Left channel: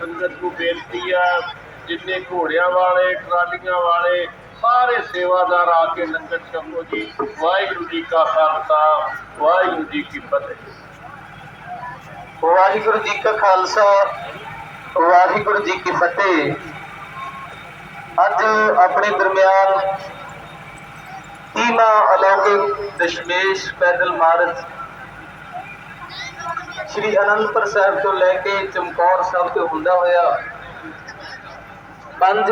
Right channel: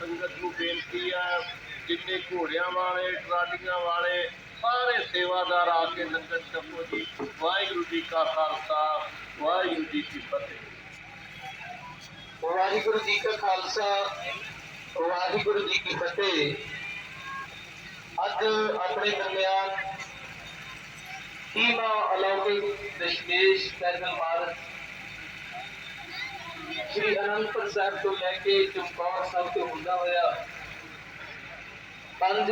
ਸੰਗਤ ਨੂੰ ਬੇਨਤੀ ਆ, ਜਿੰਨੇ ਘੋੜਿਆਂ ਵਾਲੇ, ਟਰਾਲੀਆਂ ਵਾਲੇ, ਸਾਰੇ ਸੇਵਾਦਾਰ ਆ ਕੇ ਲੰਗਰ ਛਕੋ ਜੀ। ਵਾਹਿਗੁਰੂ ਜੀ ਕਾ ਖਾਲਸਾ, ਵਾਹਿਗੁਰੂ ਜੀ ਕੀ ਫਤਿਹ। ਵਾਹਿਗੁਰੂ ਜੀ ਕਾ ਖਾਲਸਾ, ਵਾਹਿਗੁਰੂ ਜੀ ਕੀ ਫਤਿਹ। ਅੱਜ ਆਪਣੇ ਦਰਮਿਆਨ ਤੀਮਾ ਅਲੌਕਿਕ ਦਸ਼ਮੇਸ਼ ਪੈਦਲ ਮਾਰਚ ਸ੍ਰੀ ਅਨੰਦਪੁਰ ਸਾਹਿਬ ਤੋਂ ਲੈ ਕੇ ਚਮਕੌਰ ਸਾਹਿਬ ਤੋਂ ਹੁੰਦਾ ਹੋਇਆ ਪੰਜ